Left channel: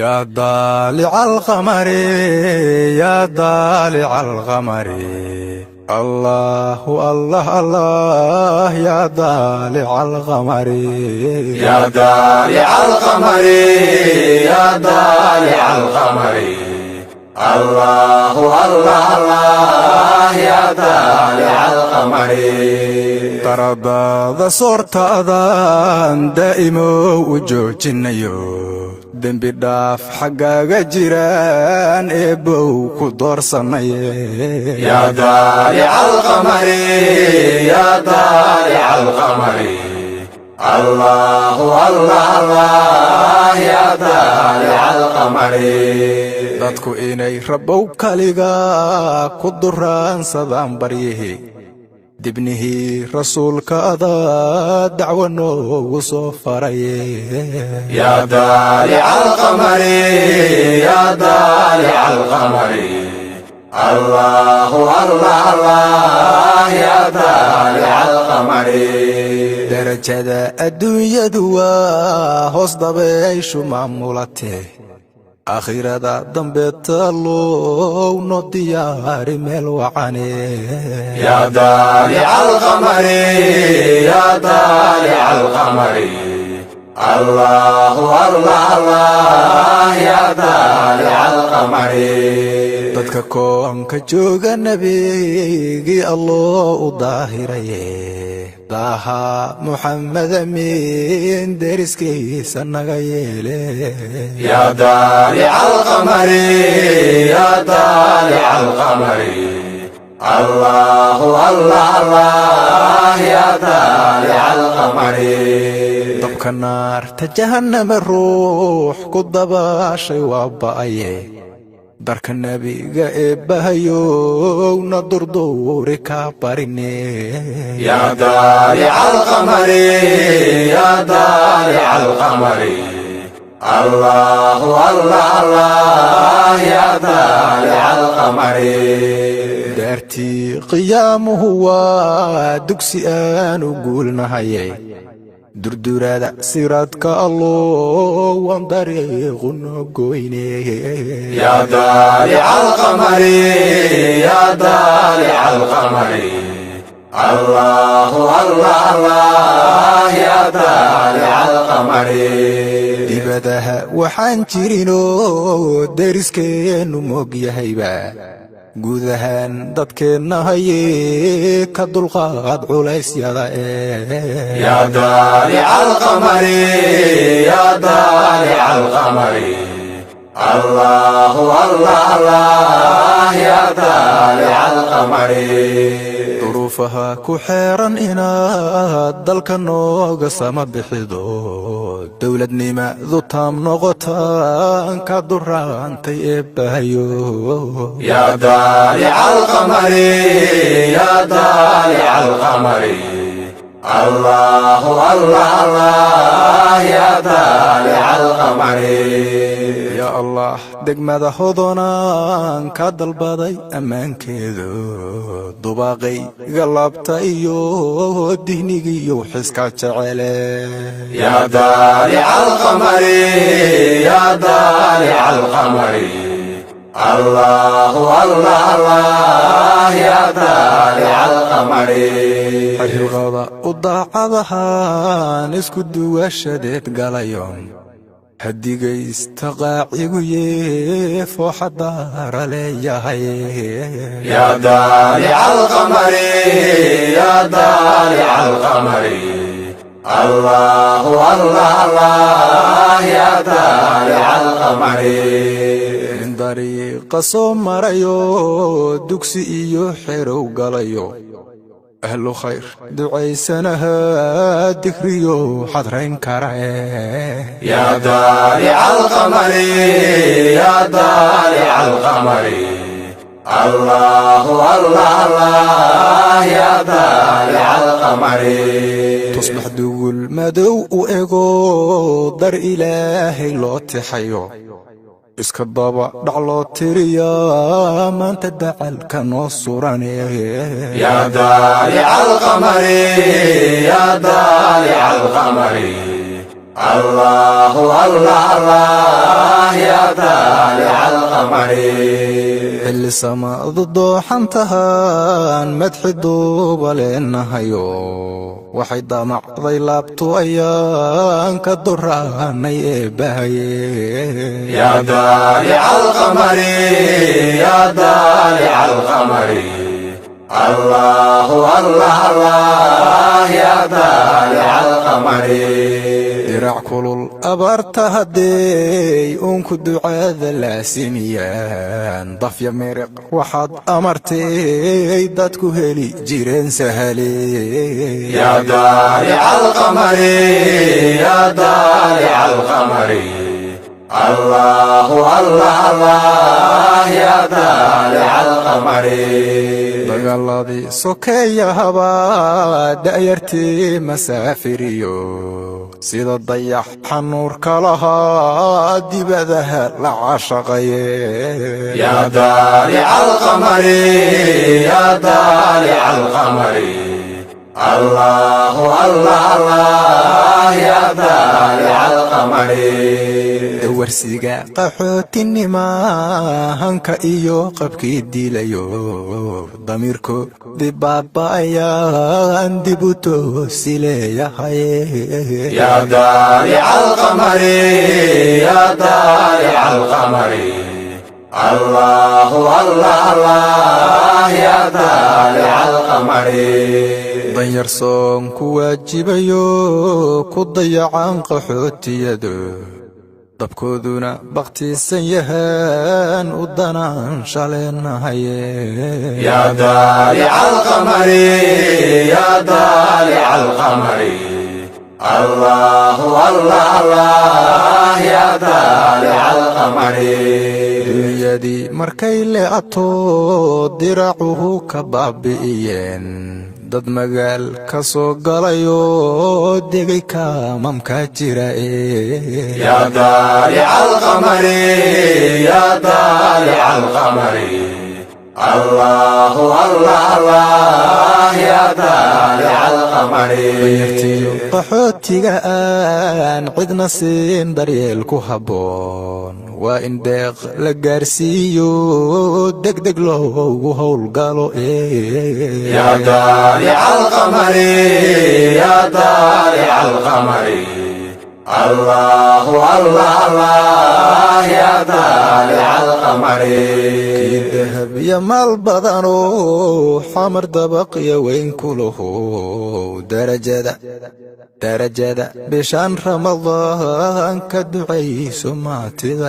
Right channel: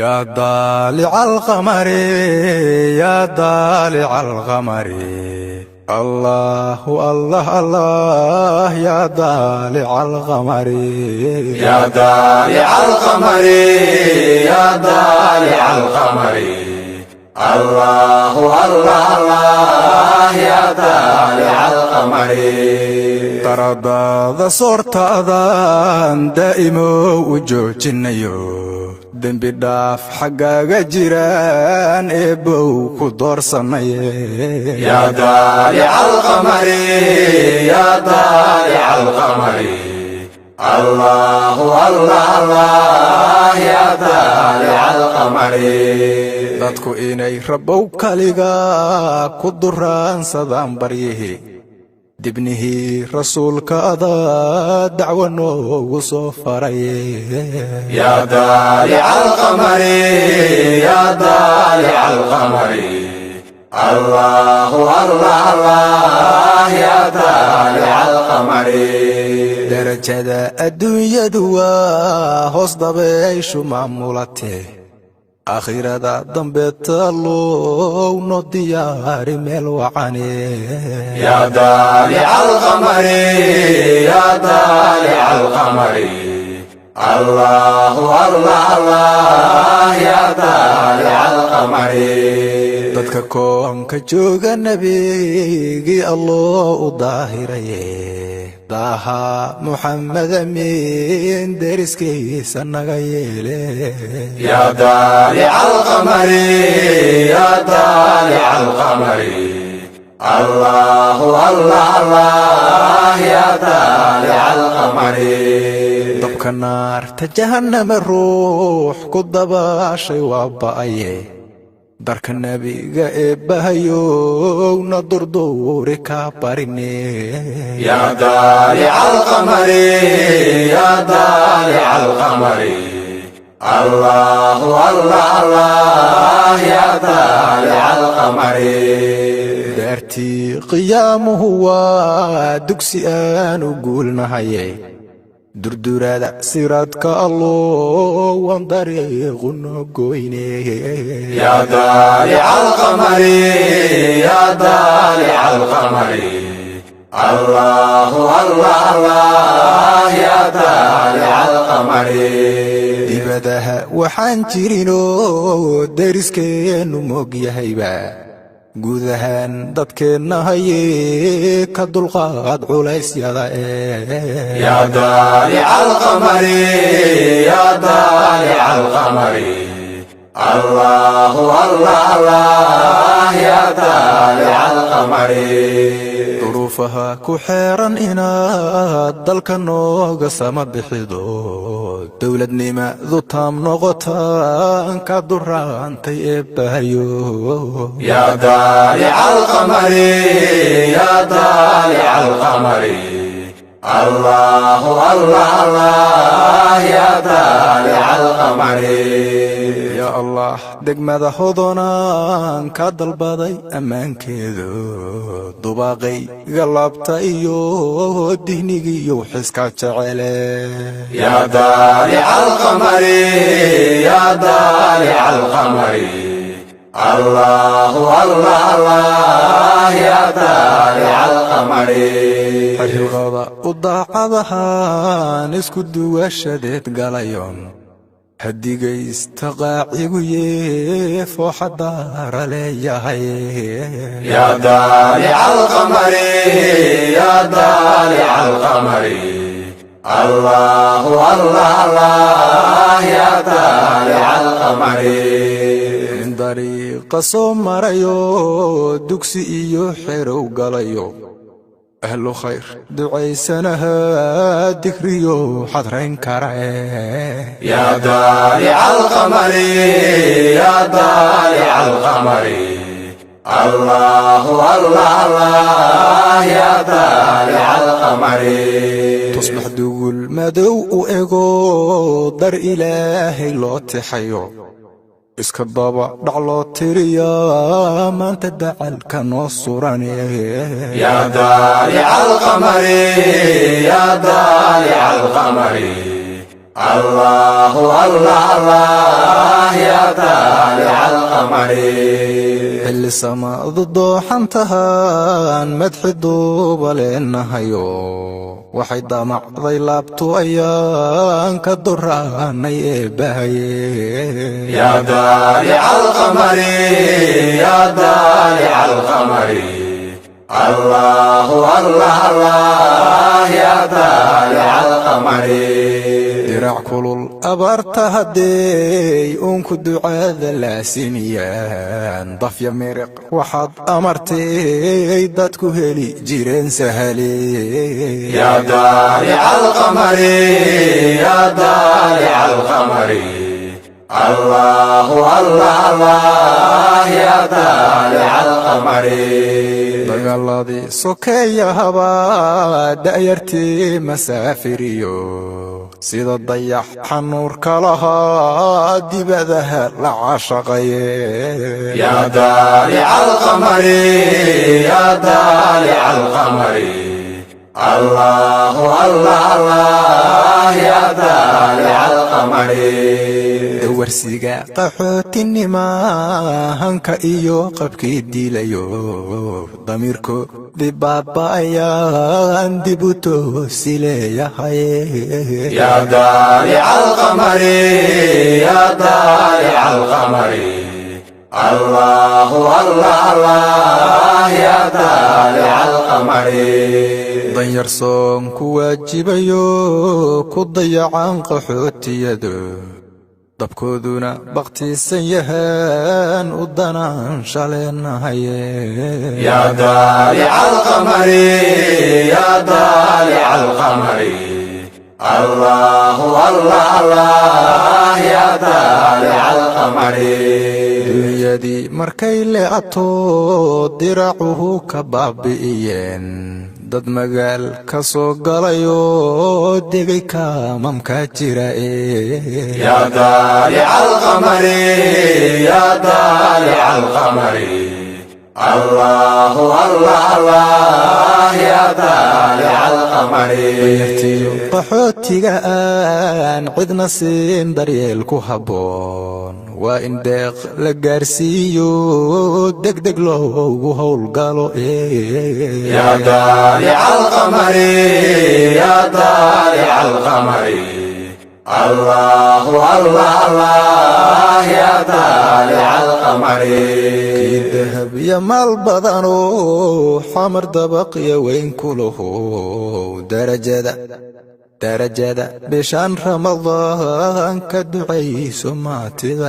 يا ضالع القمر يا ضالع القمر الله الله الله يا ضالع القمر يا ضالع القمر يا ضالع القمر الله الله الله يا ضالع القمر ترضى صورت أذان دائم وجوجنيو دنبي داف حقاق جيران إبو كدور صنعي يا ضالع القمر يا ضالع القمر الله الله الله يا ضالع القمر dadku inay rabow kaliga ku duraan sadaan baryihi dibnihi rasuulkaada dacwo noogu soo faray ya daalic alqamari ya daalic alqamari allahu allah allah ya daalic alqamari darajada adduunyadu waa hoos dabayshu maamulatee آخرة ضمبت الله نضيار ملوعني يا ضالع القمر يا ضالع القمر الله الله الله يا ضالع القمر dadkakoon ka jooga nabigi Allah u daahiraye daha Muhammad amin deriskiisa naga yeele ya daalic alqamar ya daalic alqamar allahu allah allah ya daalic alqamar dabka naarta jahannama ruux ku dabaashay waa ba'aye darka nabiga eebbahayo na durduuri ka barine ya daalic alqamar ya daalic alqamar allahu allah allah ya daalic alqamar daartii qiyaamuhu waa dugsi aanu guulnahaye durdurada siradka Allah waan dariiqu nogoyne ya daalic alqamar ya daalic alqamar allahu allah allah ya daalic alqamar dibadaha waxaan jirino deriskeenu mogyahayba guudahan dadkeenna haye ka dulqaad culeysyada ya daalic alqamar ya daalic alqamar allahu allah allah ya daalic alqamar duruufaha ku xeeran inaad dalka nooga sama bixido dowladnimadu taam noqotaan ka duraantay eebbahayo ya daalic alqamar ya daalic alqamar allahu allah allah ya daalic alqamar ya allah degmada hodonaan ka dalbaday ammaankeedu dubaaqay galabta iyo dihnigiiyo xiska jecele ya daalic alqamar ya daalic alqamar allahu allah allah ya daalic alqamar xilqada u daacadahaan isku duwashadeed galayon hadigaysta qaacigu yeefooxa baara leeyahay ya daalic alqamar ya daalic alqamar allahu allah allah ya daalic alqamar min dariiqa soo marayo dugsi iyo xerow galayo ahlu khayr ducaysanaha dikriyo xadrayn karae ya daalic alqamar ya daalic alqamar allahu allah allah ya daalic alqamar tusbax dugul madow u ego dar ilaahay loo tixayo iska daba dhac loo tiriyaa maanta dacalka noo surane ya daalic alqamar ya daalic alqamar الله الله الله يا xilli samaadu dooxantahaan madxi duuba leenahayo waxay damacday laabtu ayaan ka doraanay eebbahaye yaa daalica alqamari yaa daalica alqamari allahu allah allah yaa daalica alqamari dirac kulul abaarta haddey uunku ducaada laasimiyaan dafya miriq waxaad amartay dadku heli jireen sahale yaa daalica alqamari yaa daalica alqamari allahu allah allah yaa daalica alqamari dagaaladii sokeeyahaba da'yartii masaafiriyo sida dayax xanuurka lahaa dibadaha la caashaqaye yaa daalica alqamari yaa daalica alqamari allahu allah allah yaa daalica alqamari warsiga qaxootinima-hanka iyo qabkii dilayo damiirko dibaaba'ayaan dib u toosi leeyahay yaa daalica alqamari yaa daalica alqamari allahu allah allah yaa daalica alqamari danyar soon ku waajibayo ku dayacan qaxootiyadu dabkooduna bakhtiisan yahaan u danaan shaleenahaye yaa daalica alqamari yaa daalica alqamari allahu allah allah yaa daalica alqamari dunyadii markay leecato diracuhu ka baabi'iyeen dad magaal ka soo galayo digay kaamamka jira yaa daalica alqamari yaa daalica alqamari allahu allah allah yaa daalica alqamari danyartiyo qaxootiga aan cidna siin daryeel ku habboon waa in deeq la gaarsiiyo degdeg loogu howlgalo yaa daalica alqamari yaa daalica alqamari allahu allah allah yaa daalica alqamari kii dahab iyo maal badano xamar dabaqya weyn ku laho darajada bishaan ramadaan ka ducayso maatida